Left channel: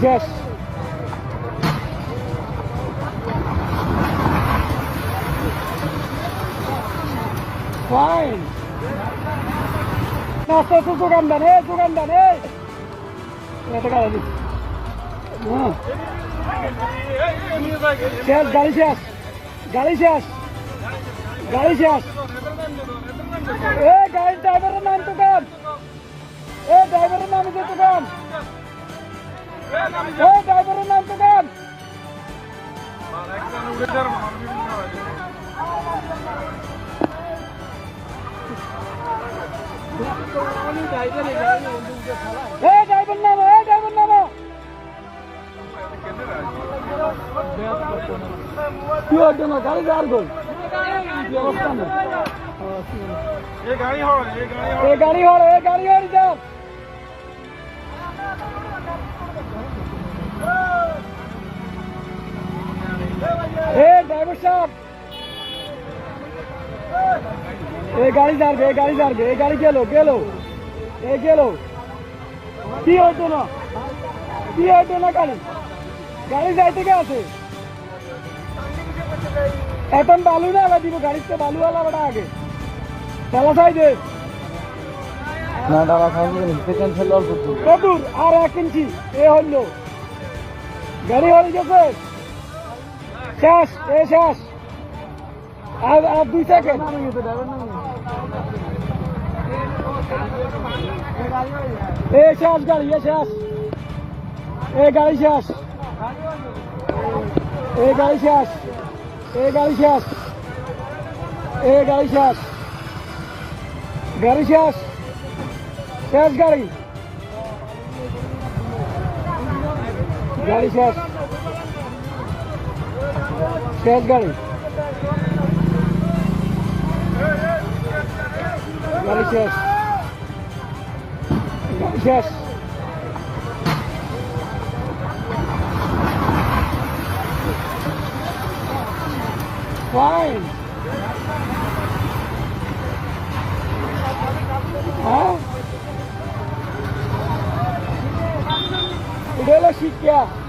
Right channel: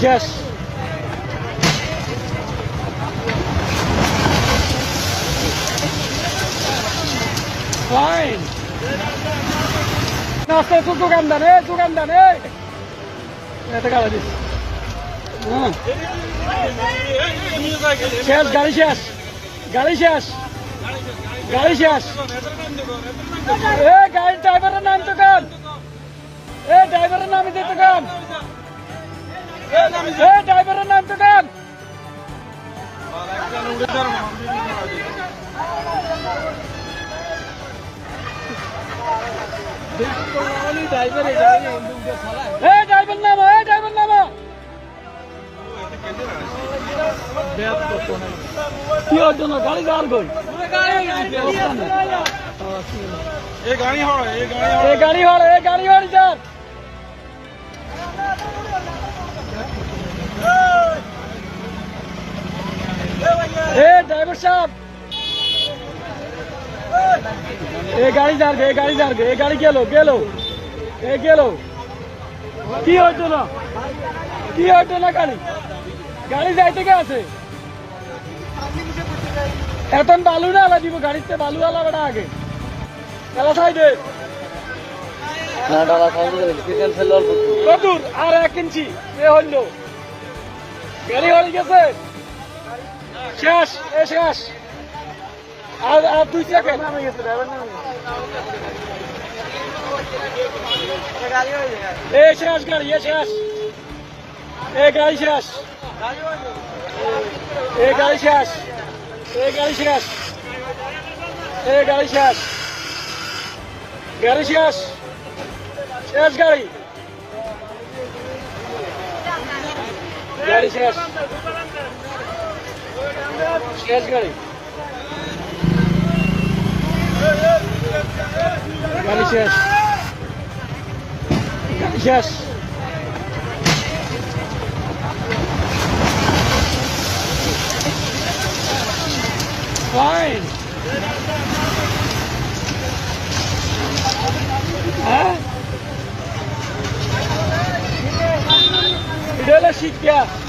শেষ ফাইন নাস্তা তো দোকান দেন এই দোকান দেন এই এটা গাড়ি দিস হ্যাঁ শেষ গাড়ি শেষ গাড়ি শেষ গাড়ি শেষ এ গাড়ি ড্রাইভারের নাম তো কান এ ড্রাইভারের নাম দিতে কান এ ড্রাইভারের নামটা নাম ড্রাইভার নাম। কি জন্য গাড়ি যাওয়ার এ গাড়ি হড় এ গাড়ি হড় এ গাড়ি হড় এ সাহেব গাড়ি এ গাড়ি এ গাড়ি গেল গেল। এ গেল। কি হইতো না? কি হইতো না গাড়ি? গাড়ি যাইতে কে আছে? এখন বালু না আলা দিব গাড়িতে বালু আলা বেটা আগে। তালা সাইডে। না ডালা যাবে ক্যান্সেল অল্প। কদুর আর এক ইঞ্চি। এ হইল। গাড়ি হয়ে গেছে। শেষ এ শেষ আর আর দুই সেকেন্ড এ শেষ গাড়ি এ শেষ এ গাড়ি শেষ এ গাড়ি শেষ এ গাড়ি শেষ এ গাড়ি শেষ গাড়ি শেষ শেষ গাড়ি গাড়ি শেষ शेहेचाळीस शेष शेष Fine. Huh? Idala Shikya.